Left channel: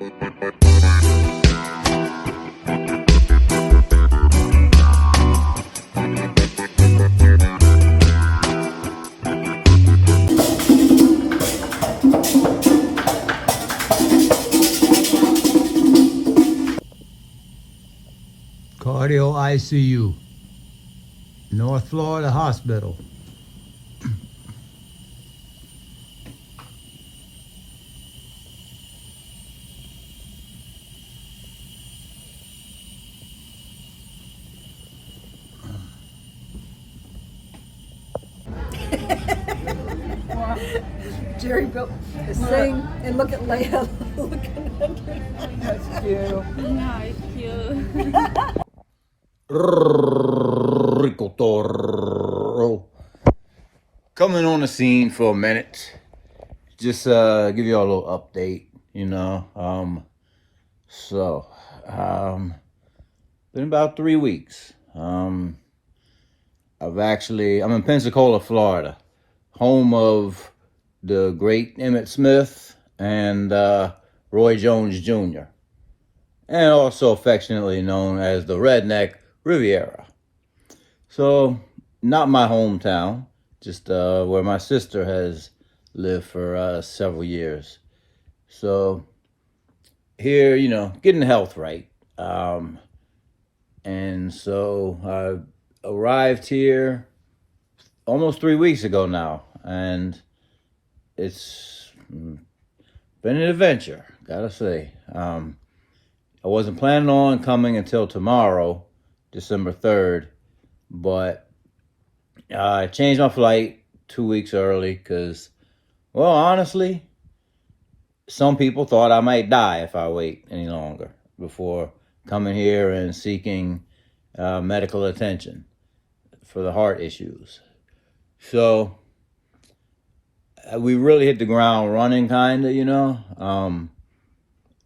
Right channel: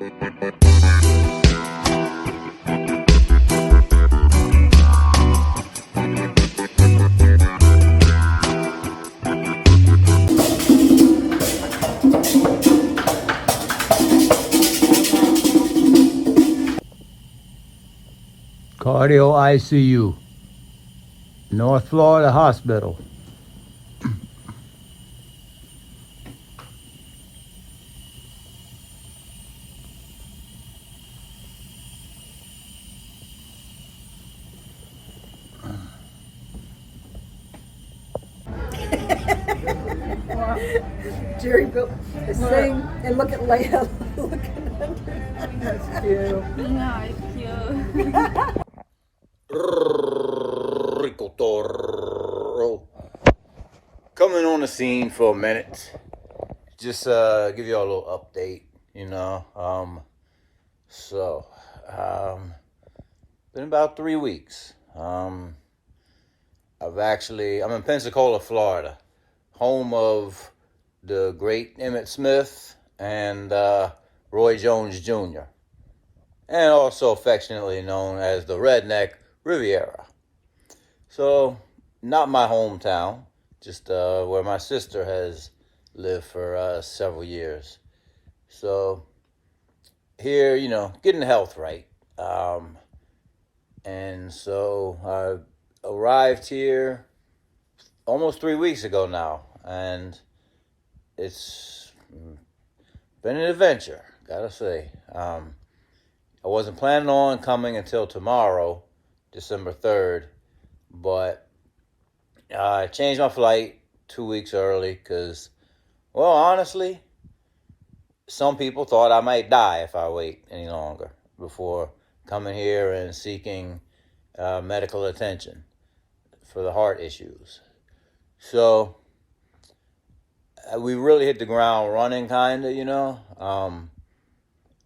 Cardio ICU, North Florida Hospital. Jerry built is sitting and look at Leia looking under. That's cute. Yeah, it's cute. Rico.toro. Coming on the scene for a minute. Just give you all a little update, you know. Been about 3 weeks. I'm in Pensacola, Florida, home of the great Emmitt Smith and Roy Jones Jr., and also affectionately known as the Redneck Riviera. So, not my hometown, just where my sister has lived for several years. So, here, you know, getting health right. And so I arrived here almost 3 weeks ago now, and it's been an adventure, gotta say. I wasn't planning on coming until tomorrow, December 3rd, but I changed my flight 2 weeks early because, well, honestly, some people thought I might die if I wait any longer before coming here and seeking medical attention for the heart issues. So we really hit the ground running, kind of, you know.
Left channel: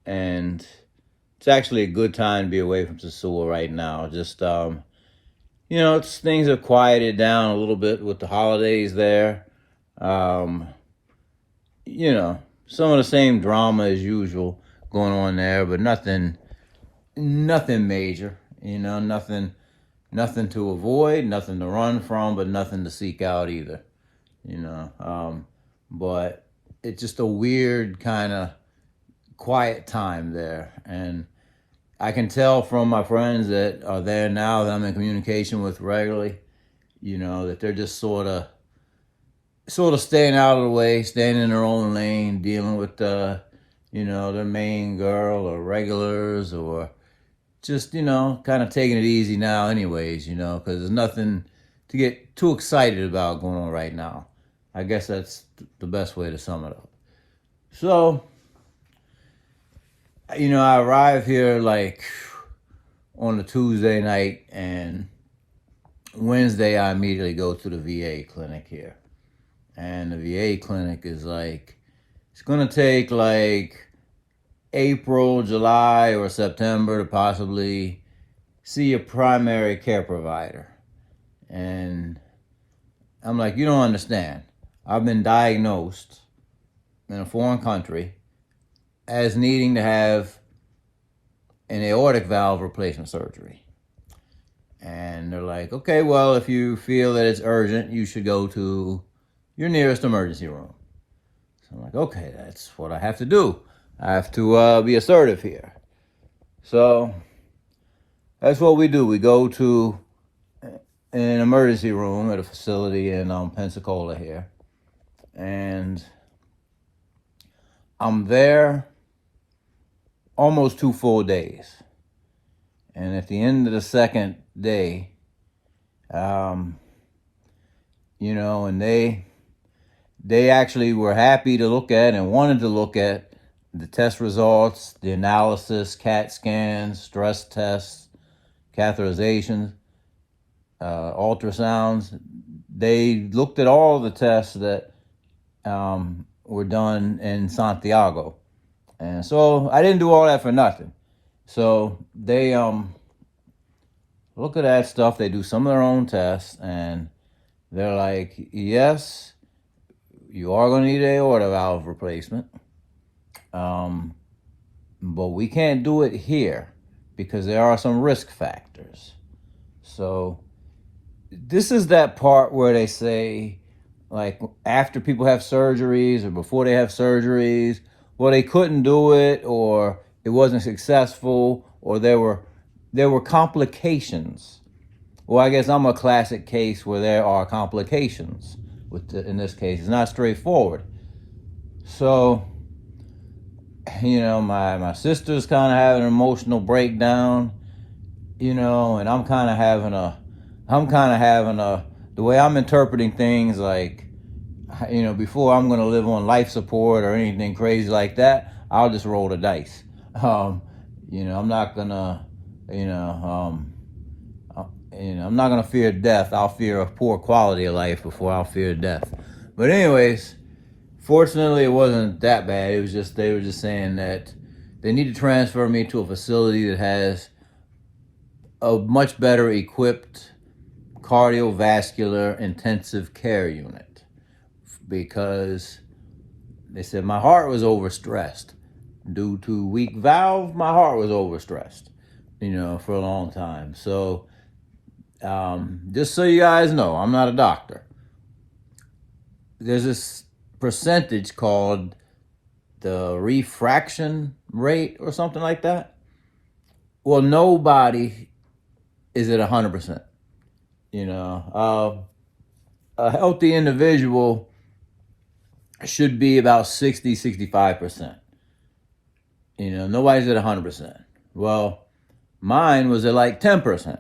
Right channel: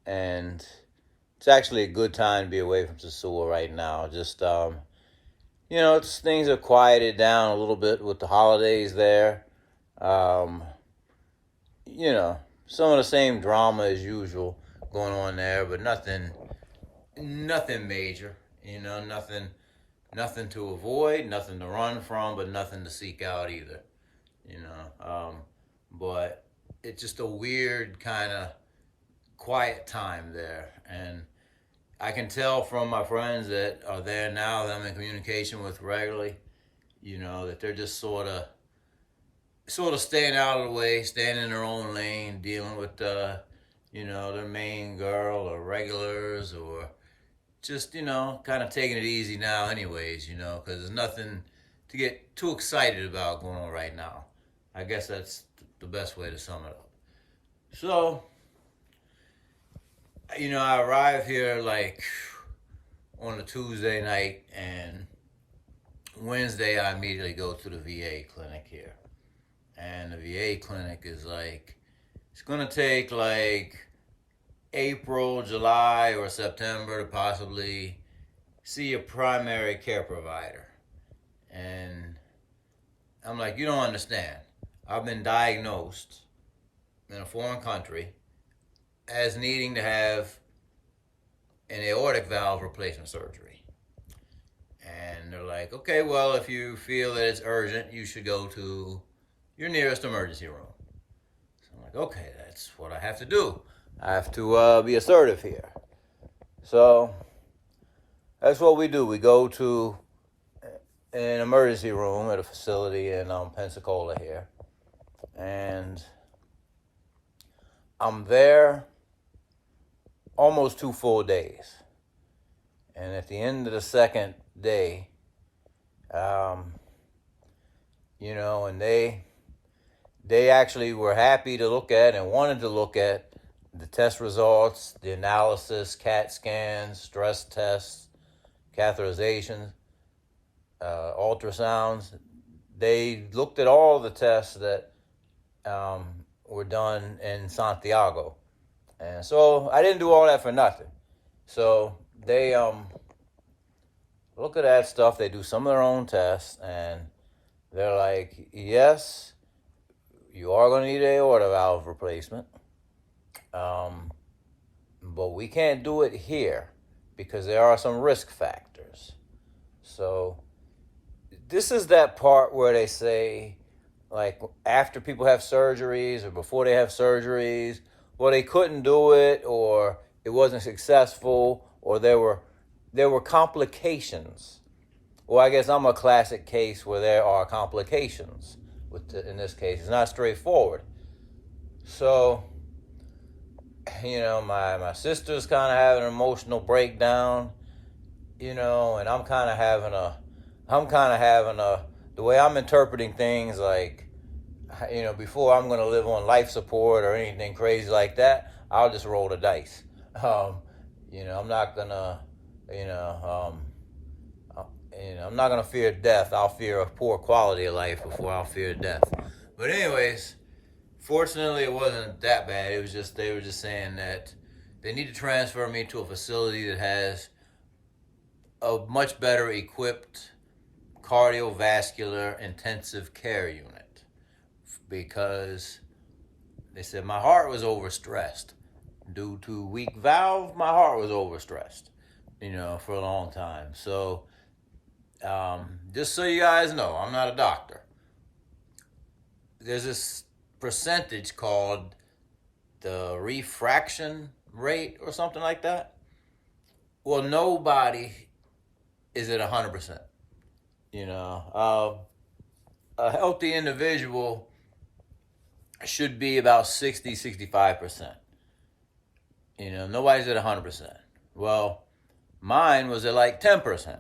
And it's actually a good time to be away from Sosua right now. Just, you know, things have quieted down a little bit with the holidays there. You know, some of the same drama as usual going on there, but nothing major, you know, nothing to avoid, nothing to run from, but nothing to seek out either, you know. But it's just a weird kind of quiet time there. And I can tell from my friends that are there now that I'm in communication with regularly, you know, that they're just sort of staying out of the way, staying in their own lane, dealing with, you know, their main girl or regulars, or just, you know, kind of taking it easy now anyways, you know, because there's nothing to get too excited about going on right now. I guess that's the best way to sum it up. So, you know, I arrived here like on a Tuesday night, and Wednesday I immediately go to the VA clinic here. And the VA clinic is like, it's going to take like April, July, or September to possibly see a primary care provider. And I'm like, you don't understand. I've been diagnosed in a foreign country as needing to have an aortic valve replacement surgery. And they're like, okay, well, if you feel that it's urgent, you should go to your nearest emergency room. So I'm like, okay, that's what I have to do. I have to be assertive here. So that's what we do. We go to an emergency room at a facility in Pensacola here. And I'm there almost 2 full days. And at the end of the second day, you know, and they actually were happy to look at and wanted to look at the test results, the analysis, CAT scans, stress tests, catheterizations, ultrasounds. They looked at all the tests that were done in Santiago. And so I didn't do all that for nothing. So they look at that stuff, they do some of their own tests, and they're like, yes, you are going to need an aorta valve replacement. but we can't do it here because there are some risk factors. So this is that part where they say, like, after people have surgeries or before they have surgeries, well, they couldn't do it, or it wasn't successful, or there were complications. Well, I guess I'm a classic case where there are complications. In this case, it's not straightforward. So, my sister's kind of having an emotional breakdown, and I'm kind of having the way I'm interpreting things, like, before I'm going to live on life support or anything crazy like that, I'll just roll the dice. I'm not going to, I'm not going to fear death. I'll fear a poor quality of life before I'll fear death. But anyways, fortunately, it wasn't that bad. It was just, they were just saying that they need to transfer me to a facility that has a much better equipped cardiovascular intensive care unit, because they said my heart was overstressed. Due to weak valve, my heart was overstressed, for a long time. So, just so you guys know, I'm not a doctor. There's this percentage called the refraction rate or something like that. Well, nobody is at 100%. A healthy individual should be about 60, 65%. Nobody's at 100%. Well, mine was at like 10%.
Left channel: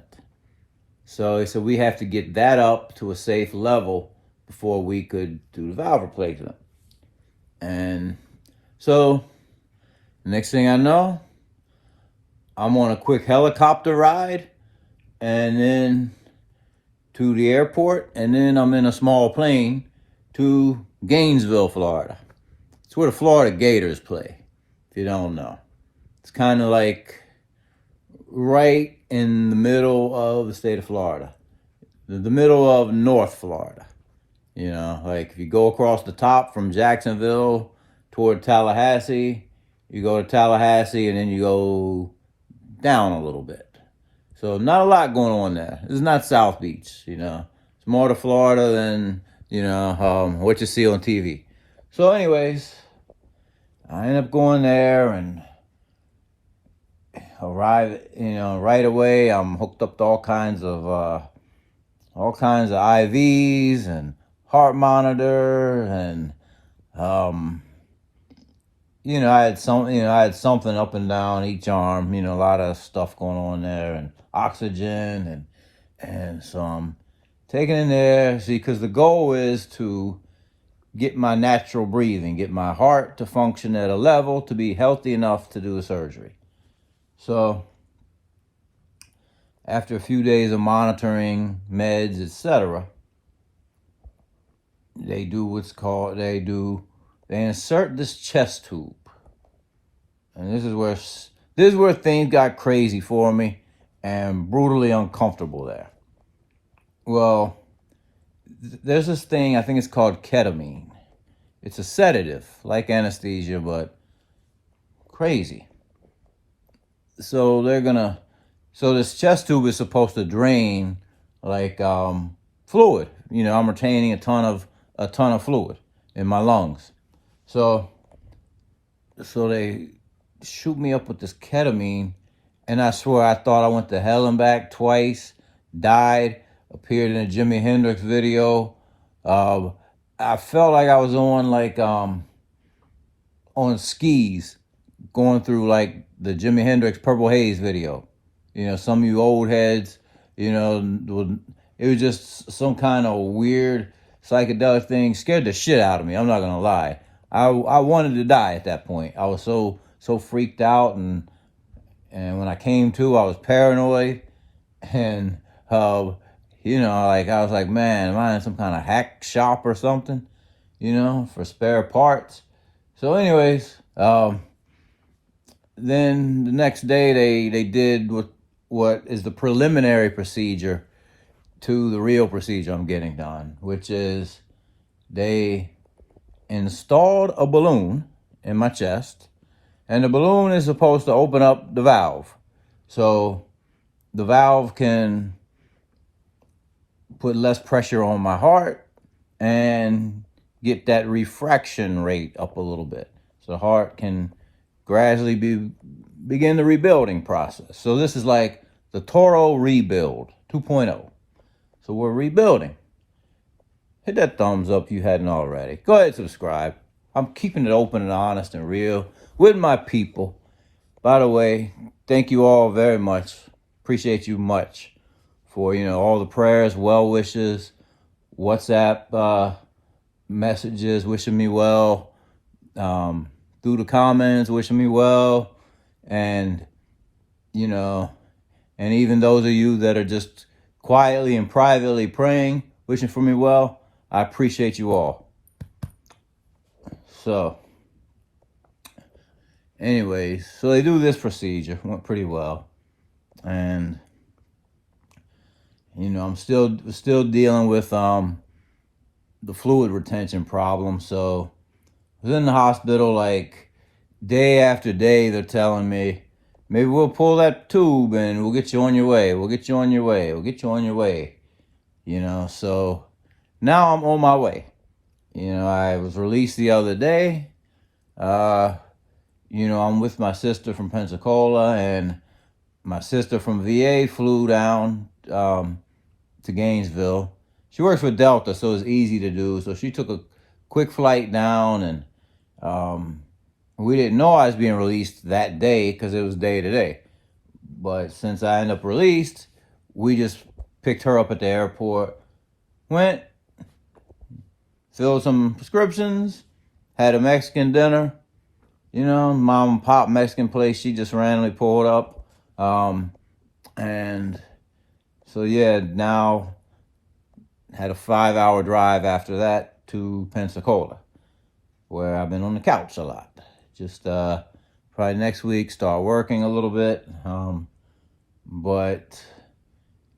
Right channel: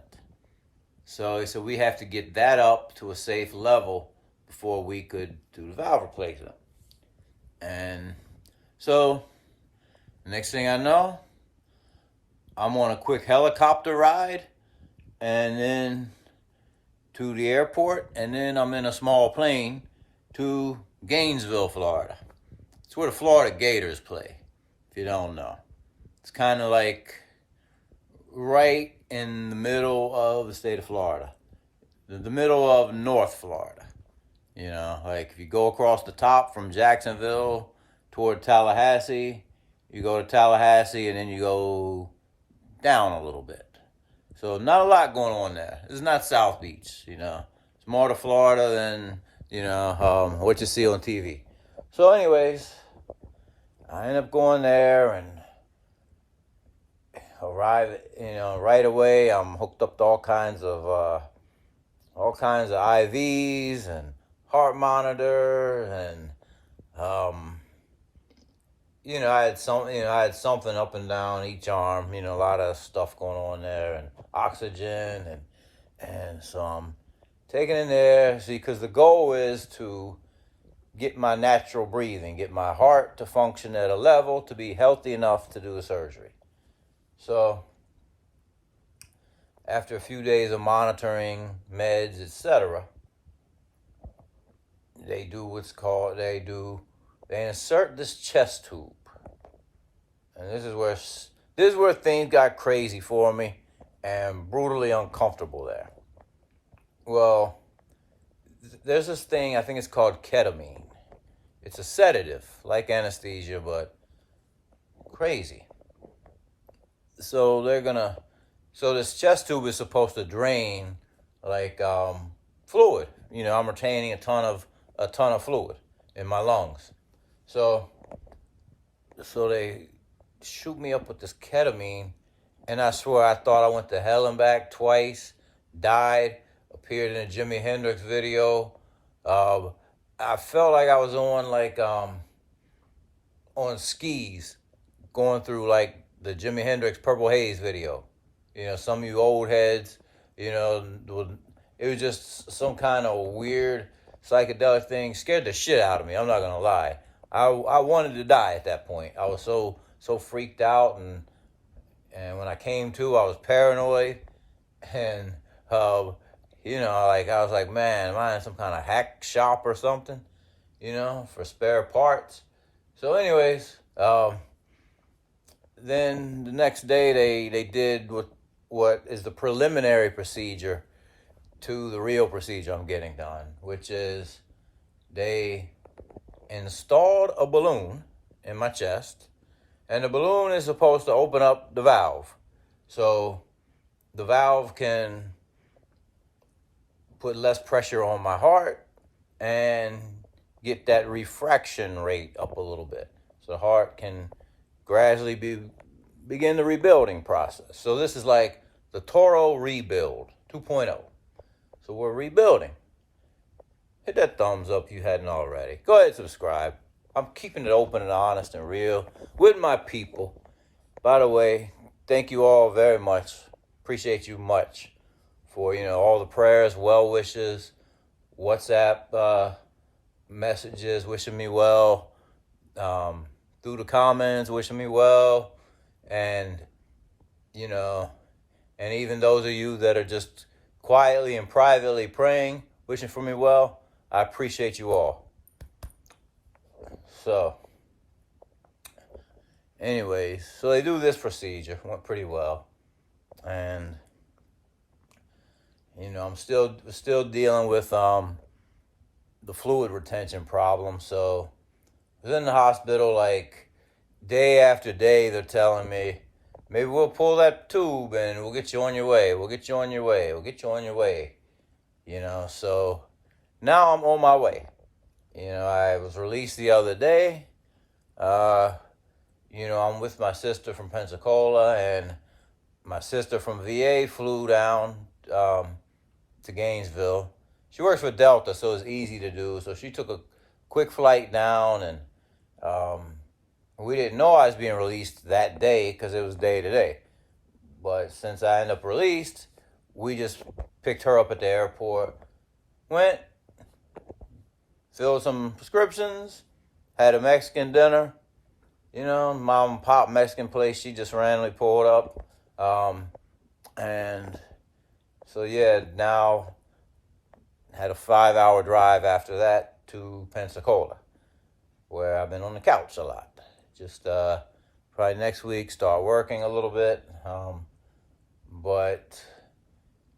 So he said we have to get that up to a safe level before we could do the valve replacement. And so, next thing I know, I'm on a quick helicopter ride, and then to the airport, and then I'm in a small plane to Gainesville, Florida. It's where the Florida Gators play, if you don't know. It's kind of like right in the middle of the state of Florida, the middle of North Florida. Like if you go across the top from Jacksonville toward Tallahassee, you go to Tallahassee and then you go down a little bit. So not a lot going on there. This is not South Beach, It's more to Florida than, what you see on TV. So anyways, I end up going there and arrive, right away. I'm hooked up to all kinds of IVs and heart monitor, and I had something up and down each arm, a lot of stuff going on there, and oxygen, and so I'm taken in there, because the goal is to get my natural breathing, get my heart to function at a level to be healthy enough to do the surgery. So after a few days of monitoring, meds, etc., they insert this chest tube. And this is where things got crazy for me and brutally uncomfortable there. Well, there's this thing, I think it's called ketamine. It's a sedative, like anesthesia, but crazy. So this chest tube is supposed to drain like fluid. I'm retaining a ton of fluid in my lungs. So they shoot me up with this ketamine, and I swear I thought I went to hell and back twice, died, appeared in a Jimi Hendrix video. I felt like I was on skis, going through like the Jimi Hendrix Purple Haze video. Some of you old heads, it was just some kind of weird psychedelic thing. Scared the shit out of me. I'm not gonna lie. I wanted to die at that point. I was so freaked out, and when I came to, I was paranoid, and like I was like, man, am I in some kind of hack shop or something, for spare parts? So anyways, then the next day they did what is the preliminary procedure to the real procedure I'm getting done, which is they installed a balloon in my chest, And the balloon is supposed to open up the valve. So the valve can put less pressure on my heart and get that refraction rate up a little bit. So the heart can gradually begin the rebuilding process. So this is like the Toro Rebuild 2.0. So we're rebuilding. Hit that thumbs up if you hadn't already. Go ahead and subscribe. I'm keeping it open and honest and real with my people. By the way, thank you all very much. Appreciate you much for, all the prayers, well wishes, WhatsApp messages wishing me well, through the comments wishing me well, and, and even those of you that are just quietly and privately praying, wishing for me well, I appreciate you all. So, anyways, so they do this procedure. Went pretty well. And, I'm still dealing with the fluid retention problem. So, I was in the hospital like day after day. They're telling me, maybe we'll pull that tube and we'll get you on your way. We'll get you on your way. We'll get you on your way. So now I'm on my way. I was released the other day. I'm with my sister from Pensacola, and my sister from VA flew down to Gainesville. She works for Delta, so it's easy to do. So she took a quick flight down, and we didn't know I was being released that day because it was day to day. But since I ended up released, we just picked her up at the airport, went, filled some prescriptions, had a Mexican dinner, mom and pop Mexican place she just randomly pulled up. And so, yeah, now had a 5-hour drive after that to Pensacola, where I've been on the couch a lot. Just probably next week start working a little bit. But,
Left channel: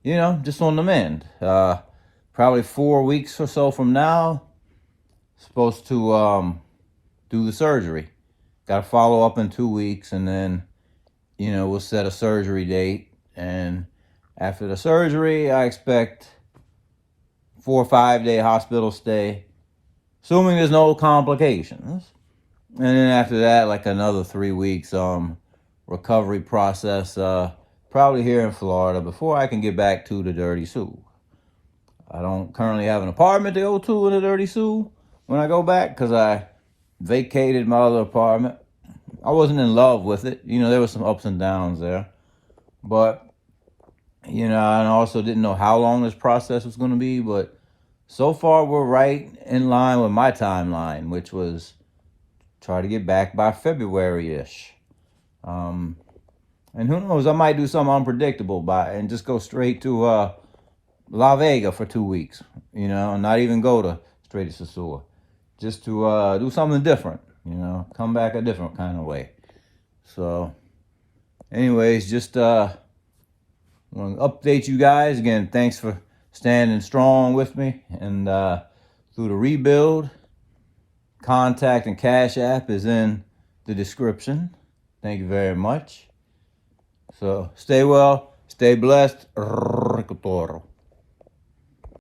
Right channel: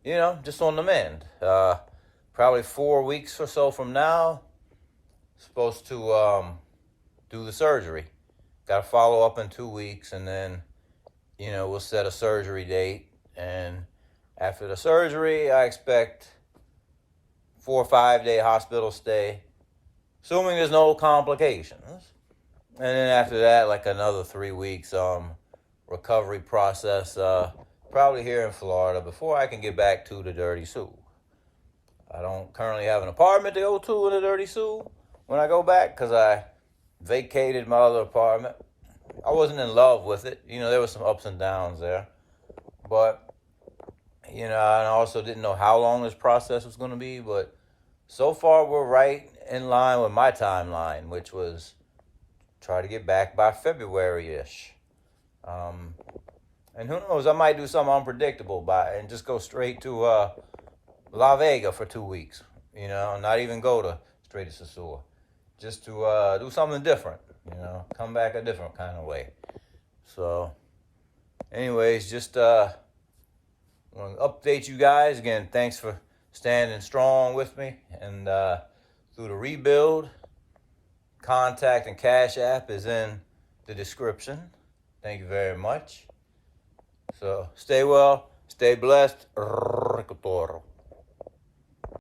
just on the mend. Probably 4 weeks or so from now, supposed to do the surgery. Got to follow up in 2 weeks, and then, we'll set a surgery date. And after the surgery, I expect 4 or 5 day hospital stay, assuming there's no complications. And then after that, like another 3 weeks recovery process, probably here in Florida, before I can get back to the Dirty Sioux. I don't currently have an apartment to go to in the Dirty Sioux when I go back, because I vacated my other apartment. I wasn't in love with it. There were some ups and downs there. But, I also didn't know how long this process was going to be. But so far, we're right in line with my timeline, which was try to get back by February-ish. And who knows, I might do something unpredictable and just go straight to La Vega for 2 weeks. Not even go straight to Sosua. Just to do something different, come back a different kind of way. So, anyways, just want to update you guys. Again, thanks for standing strong with me. And through the rebuild, contact and Cash App is in the description. Thank you very much. So, stay well, stay blessed. Rico.toro.